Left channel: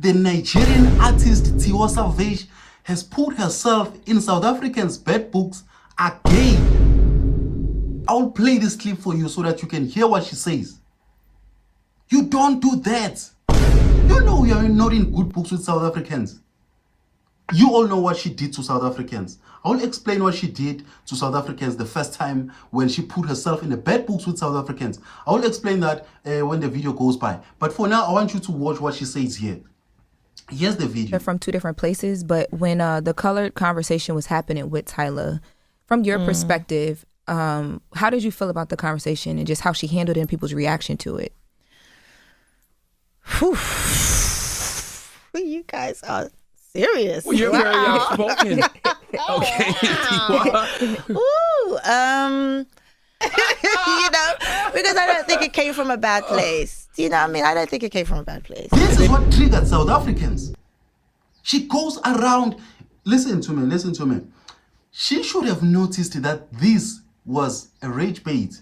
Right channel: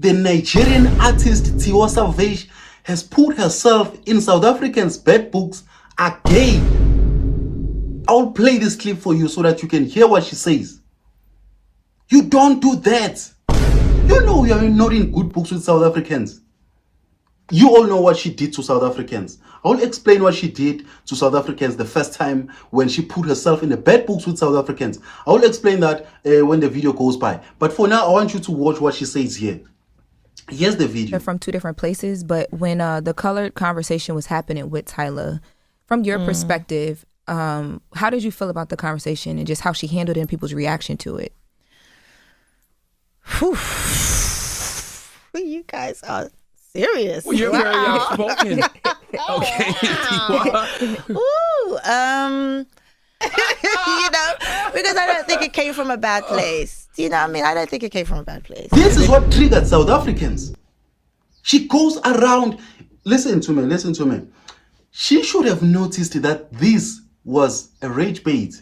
the Nigerian artist Tiwa Savage has put herself in South Africans' bad books again. I'll play this clip for you so that you can hear what she says. You don't do that. You know you are not in good books with South Africans. You all know what she did to South Africans. I'll explain what she did to South Africans the first time when she put herself in the bad books with South Africans. I'll explain that when the video goes by. But for now, I want you to watch what she says here. Here's the video. They're from two different places, but when the colored conversation was happening with Tyla, from your perspective, how did you feel about the conversation and just how she handled it and people's reaction to it? Whew. You guys are serious. Well, you're very outspoken. Okay. Ooh, you know, because I don't think it came from a bad place. Do you know what I mean? I don't think it came from a bad place. This is what triggered South Africans. She goes around. Listen to me. She should have noticed that this was a rage bait.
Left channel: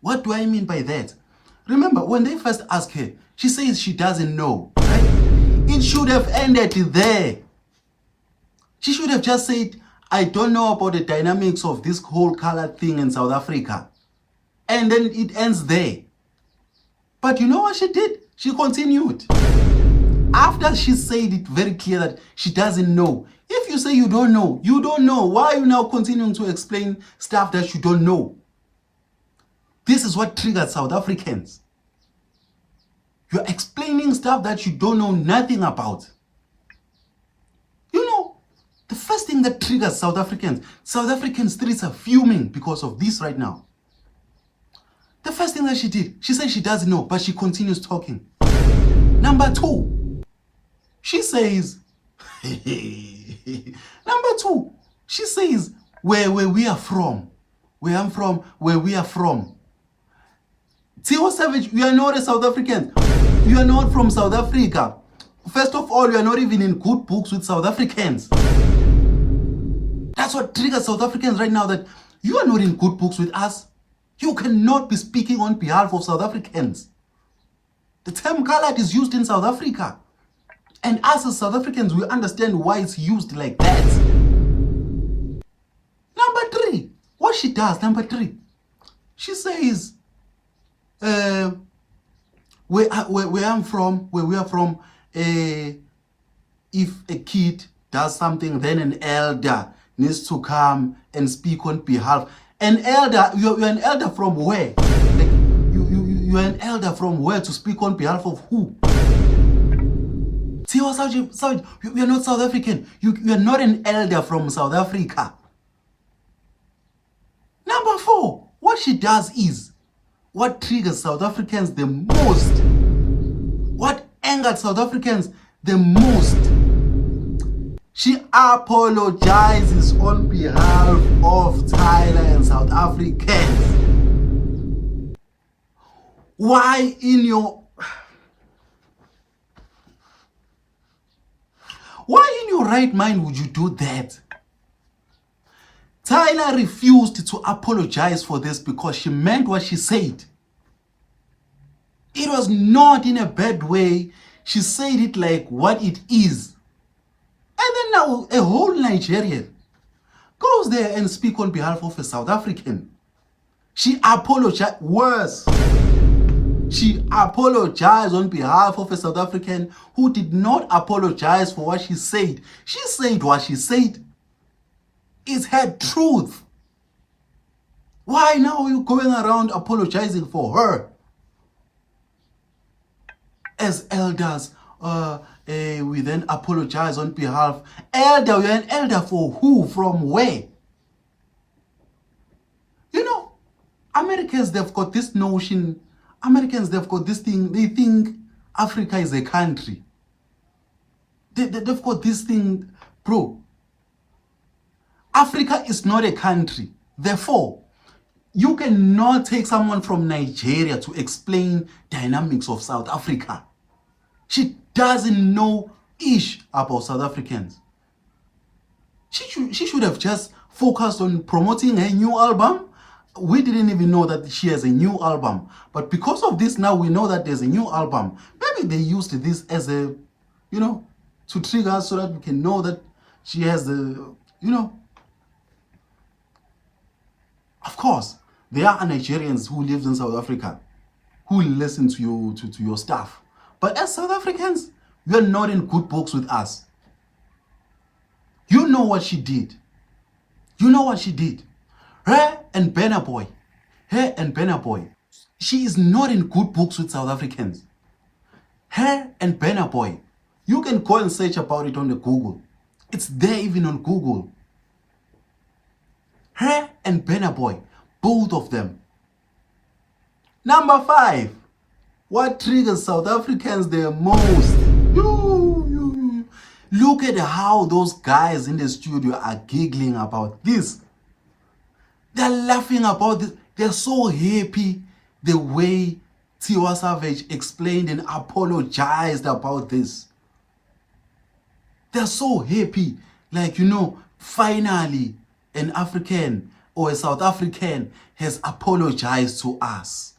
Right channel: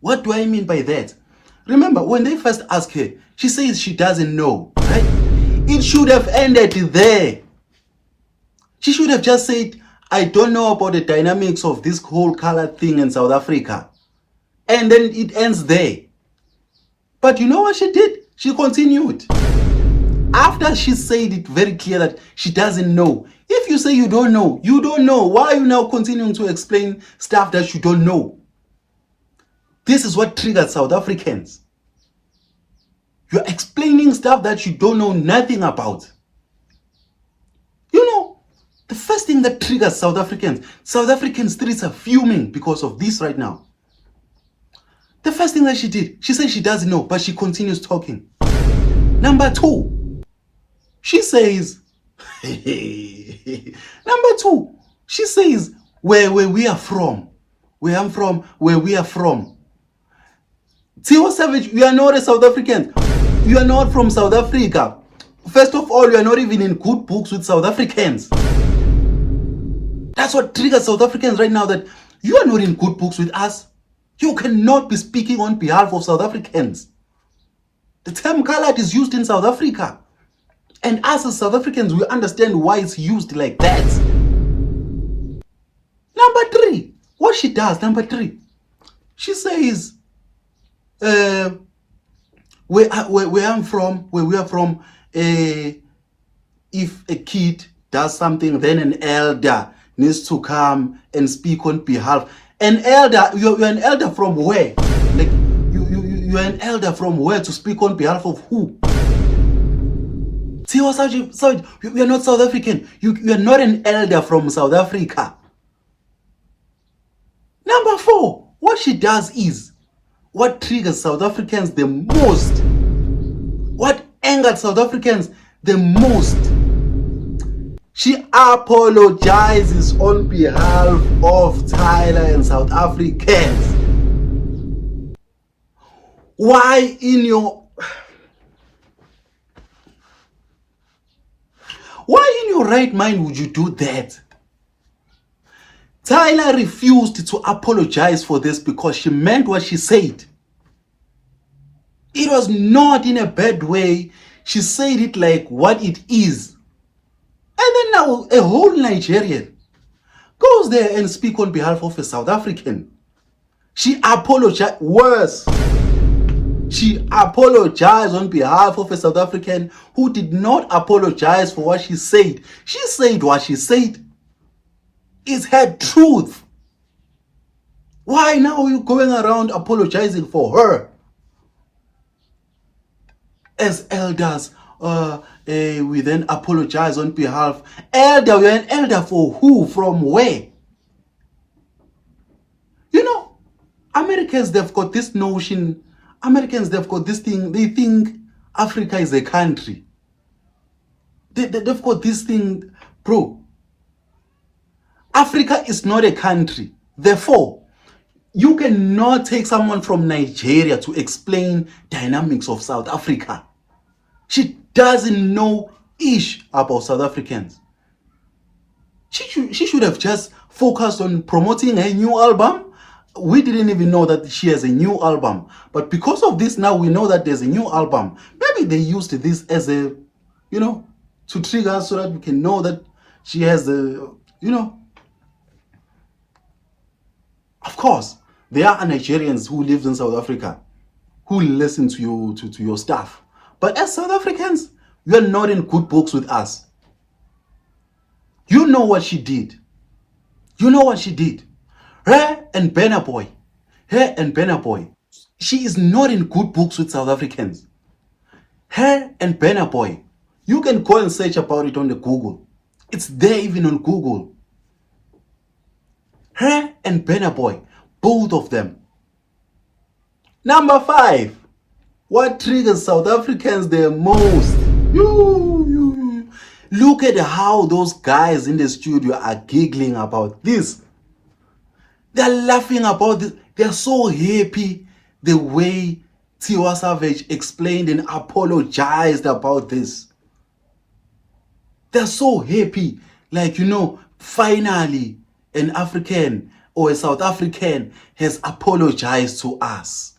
What do I mean by that? Remember, when they first asked her, she says she doesn't know. Right? It should have ended there. She should have just said, I don't know about the dynamics of this whole color thing in South Africa. And then it ends there. But you know what she did? She continued. After she said it very clear that she doesn't know. If you say you don't know, you don't know. Why are you now continuing to explain stuff that you don't know? This is what triggered South Africans. You're explaining stuff that you don't know nothing about. You know, the first thing that triggers South African streets are fuming because of this right now. The first thing that she did, she said she doesn't know, but she continues talking. Number two, she says, where we are from. Where I'm from, where we are from. Tiwa Savage, you are not a South African. You are not from South Africa. First of all, you are not even in good books with South Africans. That's what triggers South Africans right now, that you are not in good books with us. You cannot be speaking on behalf of South Africans. The term colored is used in South Africa. And us as South Africans, we understand why it's used like that. Number three, what she does, she says, where I'm from, where we are from, if a kid does something, then an elder needs to come and speak on behalf. An elder, you're an elder from where? Like you're an elder from where to speak on behalf of who? Tiwa Savage, you are not South African. You are not an elder from South Africa. Number four, what she does is, what triggers South Africans the most, what angered South Africans the most, she apologizes on behalf of Tyla and South Africans. Why in your right mind would you do that? Tyla refused to apologize for this because she meant what she said. It was not in a bad way. She said it like what it is. And then now a whole Nigerian goes there and speaks on behalf of a South African. She apologized. Worse, she apologized on behalf of a South African who did not apologize for what she said. She said what she said. It's her truth. Why now are you going around apologizing for her? As elders, we then apologize on behalf. Elder, you're an elder for who? From where? You know, Americans, they've got this notion. They've got this thing. They think Africa is a country. They've got this thing, bro. Africa is not a country. Therefore, you cannot take someone from Nigeria to explain dynamics of South Africa. She doesn't know ish about South Africans. She should have just focused on promoting her new album. We didn't even know that she has a new album. But because of this, now we know that there's a new album. Maybe they used this as a to trigger us so that we can know that she has the, of course, there are Nigerians who live in South Africa who listen to you, to your stuff. But as South Africans, you are not in good books with us. You know what she did. You know what she did. Her and Burna Boy. She is not in good books with South Africans. Her and Burna Boy. You can go and search about it on the Google. It's there even on Google. Her and Burna Boy. Both of them. Number 5. What triggers South Africans the most? Look at how those guys in the studio are giggling about this. They're laughing about this. They're so happy the way Tiwa Savage explained and apologized about this. They're so happy. Like, finally an African or a South African has apologized to us.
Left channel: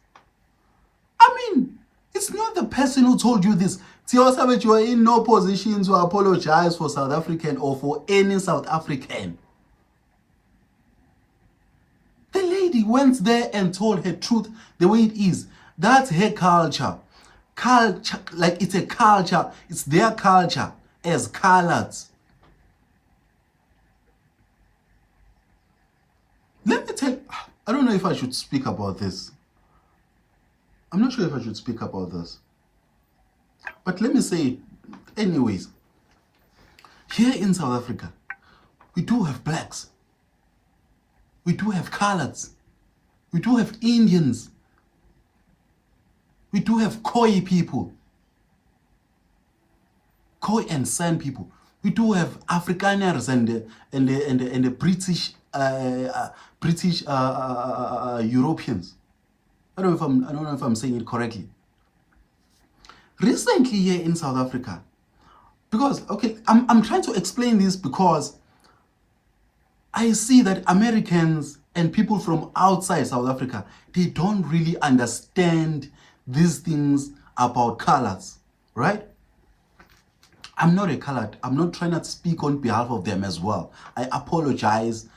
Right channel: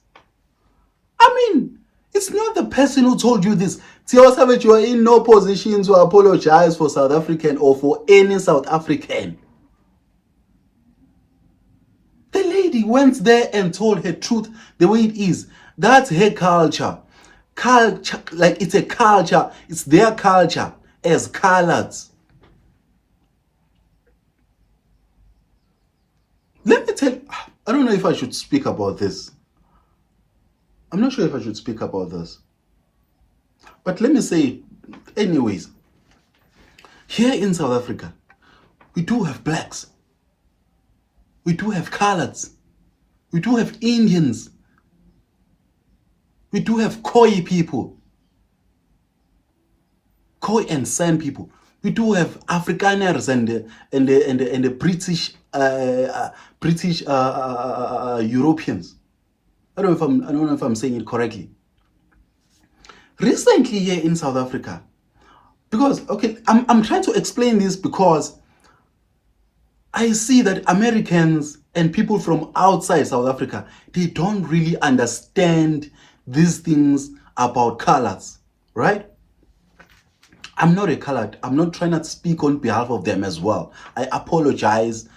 I mean, it's not the person who told you this. Tiwa Savage, you are in no position to apologize for South African or for any South African. The lady went there and told her truth the way it is. That's her culture. Like it's a culture. It's their culture as coloreds. Let me tell you, I don't know if I should speak about this. I'm not sure if I should speak about this. But let me say it anyways. Here in South Africa, we do have blacks. We do have coloreds. We do have Indians. We do have Khoi people. Khoi and San people. We do have Afrikaners and the British Europeans. I don't know if I'm saying it correctly. Recently here in South Africa, because I'm trying to explain this because I see that Americans and people from outside South Africa, they don't really understand these things about colors, right? I'm not a colored. I'm not trying to speak on behalf of them as well. I apologize.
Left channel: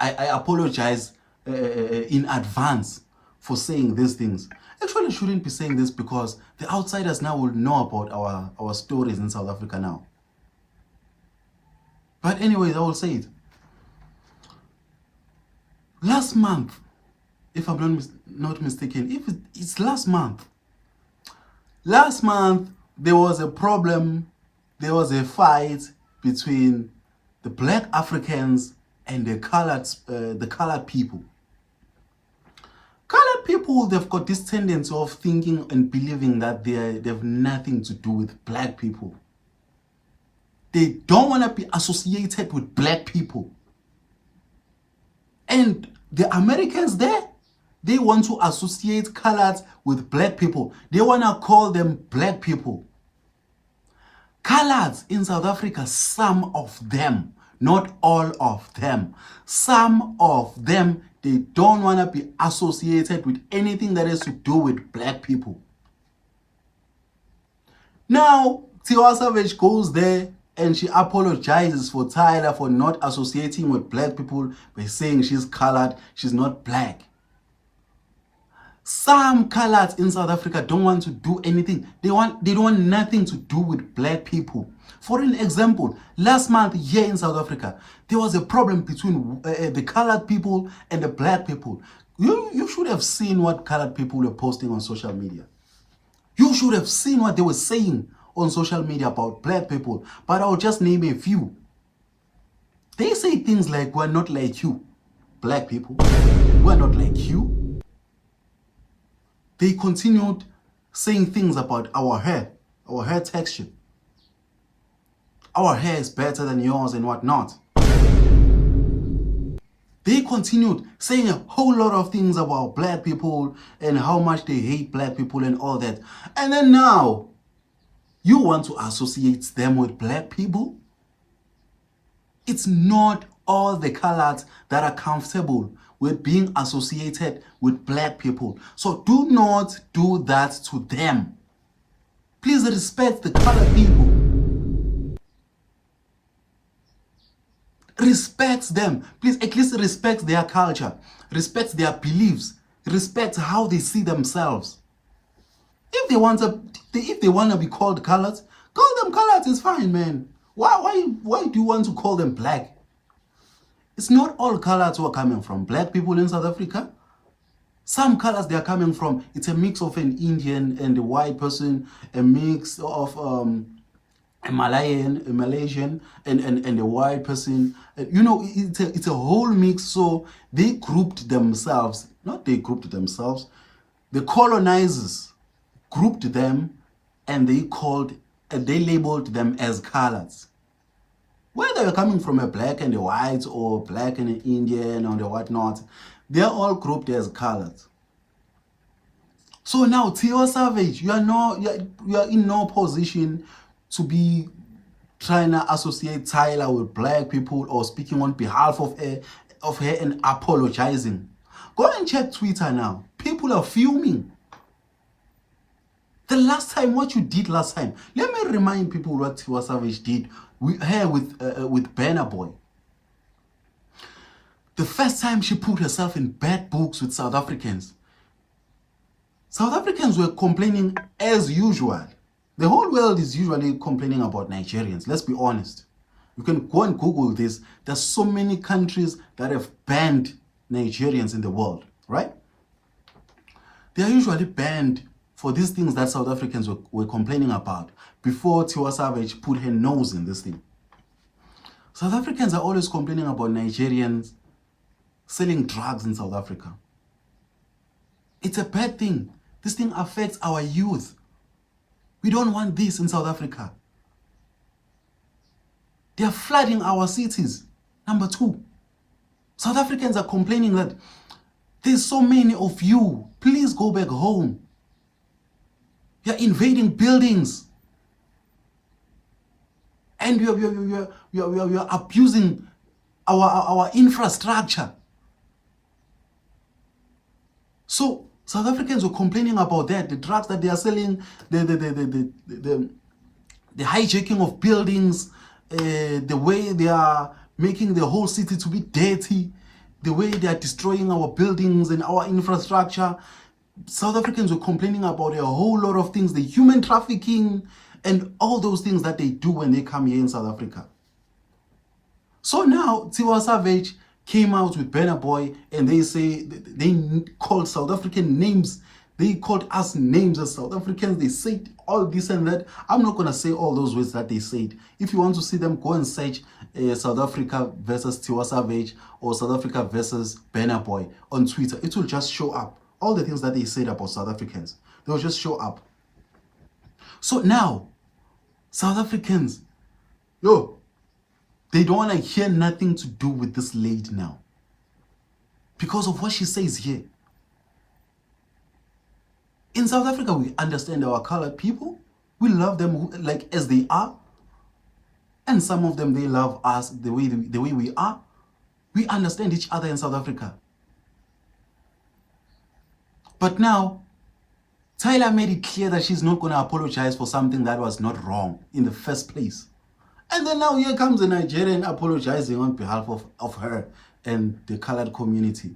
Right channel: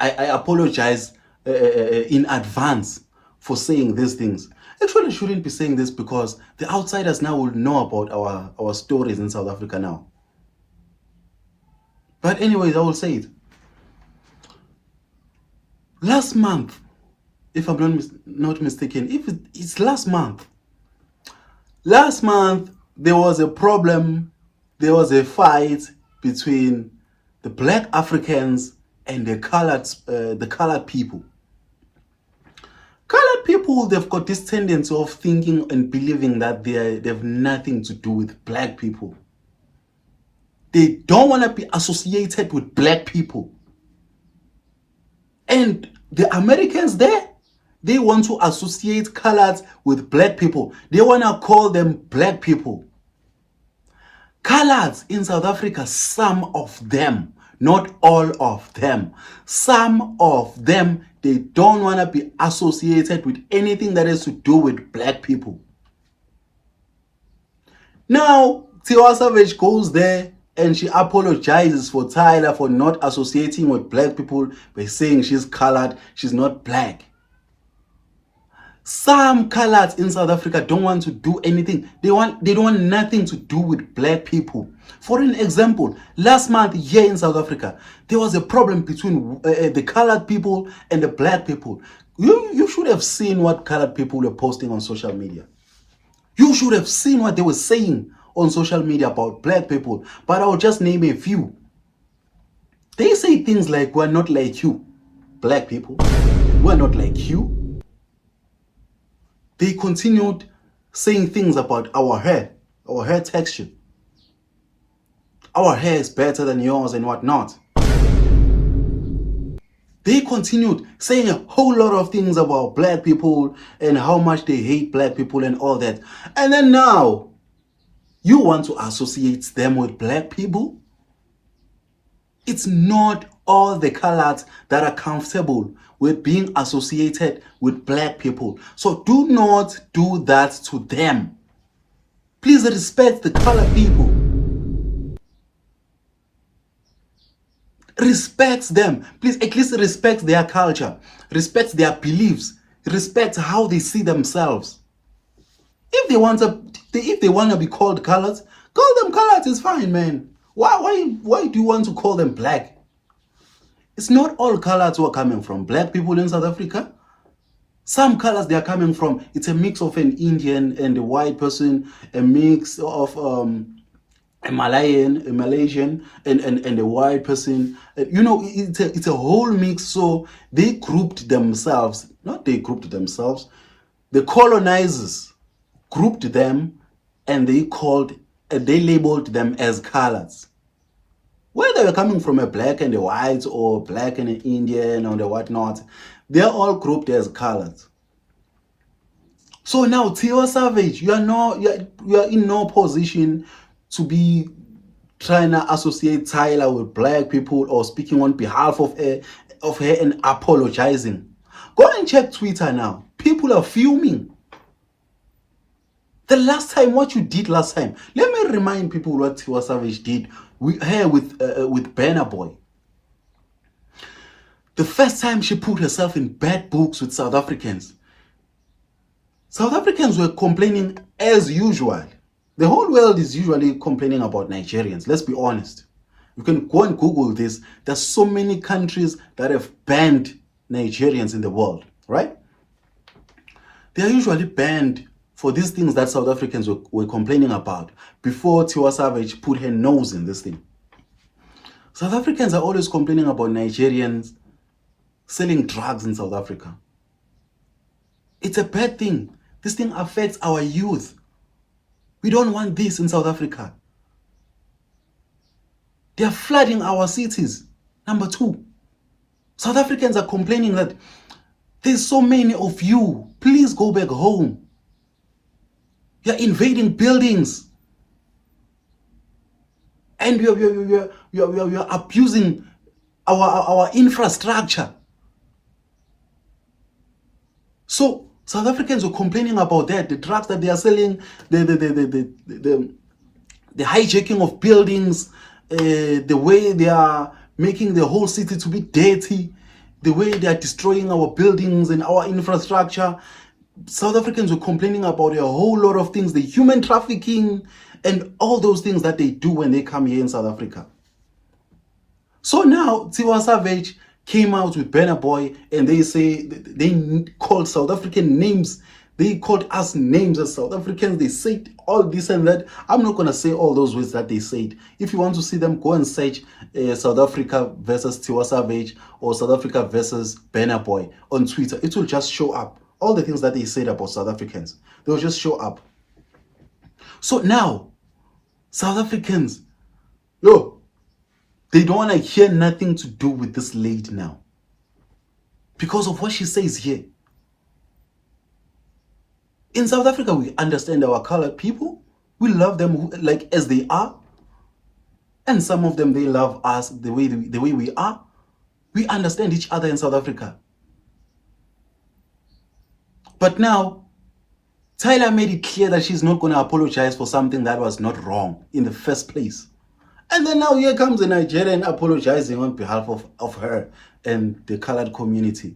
I apologize in advance for saying these things. Actually, I shouldn't be saying this because the outsiders now will know about our stories in South Africa now. But anyways, I will say it. Last month, if I'm not mistaken, if it's last month there was a problem, there was a fight between the black Africans and the colored people. Colored people, they've got this tendency of thinking and believing that they have nothing to do with black people. They don't want to be associated with black people. And the Americans there, they want to associate coloreds with black people. They want to call them black people. Coloreds in South Africa, some of them, not all of them, some of them, they don't want to be associated with anything that has to do with black people. Now, Tiwa Savage goes there and she apologizes for Tyla for not associating with black people by saying she's colored, she's not black. Some coloreds in South Africa don't want to do anything. They don't want nothing to do with black people. For an example, last month here in South Africa, there was a problem between the colored people and the black people. You should have seen what colored people were posting on social media. You should have seen what they were saying on social media about black people. But I'll just name a few. They say things like, we're not like you, black people. We're not like you. They continued saying things about our hair texture. Our hair is better than yours and whatnot. They continued saying a whole lot of things about black people and how much they hate black people and all that. And then now, you want to associate them with black people? It's not all the colors that are comfortable with being associated with black people. So do not do that to them. Please respect the colored people. respects them. Please, at least respect their culture, respect their beliefs, respect how they see themselves. If they want to be called colored, call them colored. It's fine, man. Why do you want to call them black? It's not all colors who are coming from black people in South Africa. Some colors they are coming from, it's a mix of an Indian and a white person, a mix of a Malaysian and a white person. You know, it's a whole mix. So they grouped themselves, the colonizers grouped them, and they labeled them as colors. Whether you're coming from a black and a white or black and an Indian or the whatnot, they're all grouped as colors. So now, Tiwa Savage, you are in no position to be trying to associate Tyla with black people or speaking on behalf of her and apologizing. Go and check Twitter now. People are fuming. What you did last time. Let me remind people what Tiwa Savage did with Burna Boy. The first time she put herself in bad books with South Africans. South Africans were complaining as usual. The whole world is usually complaining about Nigerians. Let's be honest. You can go and Google this. There's so many countries that have banned Nigerians in the world, right? They are usually banned for these things that South Africans were complaining about before Tiwa Savage put her nose in this thing. South Africans are always complaining about Nigerians selling drugs in South Africa. It's a bad thing. This thing affects our youth. We don't want this in South Africa. They are flooding our cities. Number two, South Africans are complaining that there's so many of you. Please go back home. You're invading buildings. And you're abusing our infrastructure. So South Africans were complaining about that, the drugs that they are selling, the hijacking of buildings, the way they are making the whole city to be dirty, the way they are destroying our buildings and our infrastructure. South Africans were complaining about a whole lot of things, the human trafficking and all those things that they do when they come here in South Africa. So now Tiwa Savage came out with Burna Boy, and they say they called South African names. They called us names as South Africans. They said all this and that. I'm not going to say all those words that they said. If you want to see them, go and search South Africa versus Tiwa Savage or South Africa versus Burna Boy on Twitter. It will just show up. All the things that they said about South Africans, they will just show up. So now, South Africans, they don't want to hear nothing to do with this lady now. Because of what she says here. In South Africa, we understand our colored people. We love them like as they are. And some of them, they love us the way we are. We understand each other in South Africa. But now, Tyla made it clear that she's not going to apologize for something that was not wrong in the first place. And then now here comes a Nigerian apologizing on behalf of her and the colored community.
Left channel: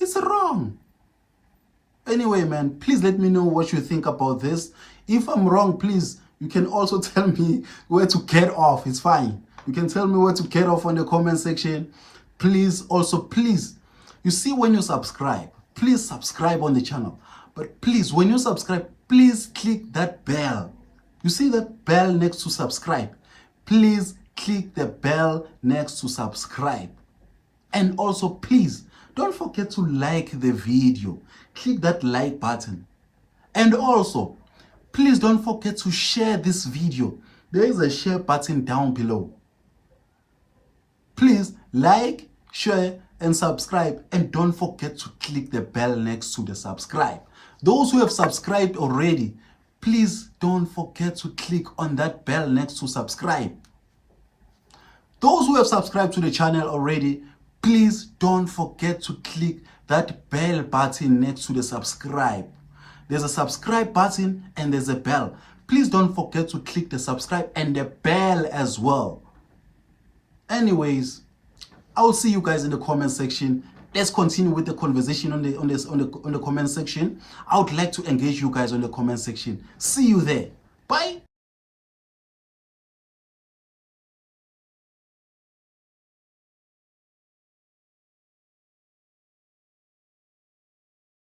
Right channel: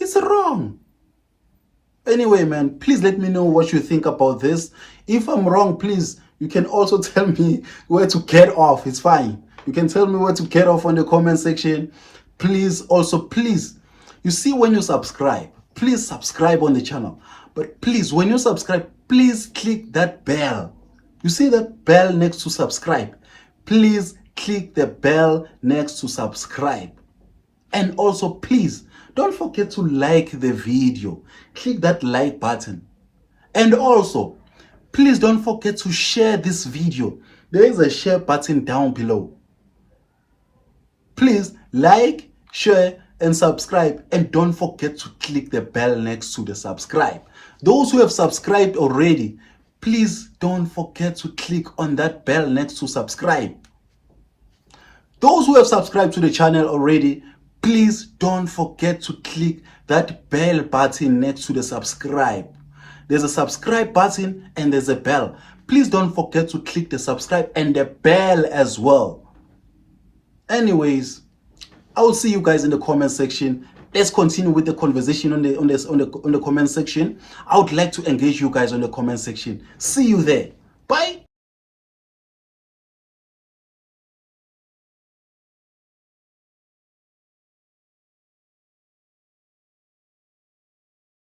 It's wrong. Anyway, man, please let me know what you think about this. If I'm wrong, please, you can also tell me where to get off. It's fine. You can tell me where to get off on the comment section. Please, you see when you subscribe, please subscribe on the channel. But please, when you subscribe, please click that bell. You see that bell next to subscribe? Please click the bell next to subscribe. And also, please, don't forget to like the video. Click that like button. And also, please don't forget to share this video. There is a share button down below. Please like, share, and subscribe. And don't forget to click the bell next to the subscribe. Those who have subscribed already, please don't forget to click on that bell next to subscribe. Those who have subscribed to the channel already, please don't forget to click that bell button next to the subscribe. There's a subscribe button and there's a bell. Please don't forget to click the subscribe and the bell as well. Anyways, I will see you guys in the comment section. Let's continue with the conversation on the comment section. I would like to engage you guys on the comment section. See you there. Bye.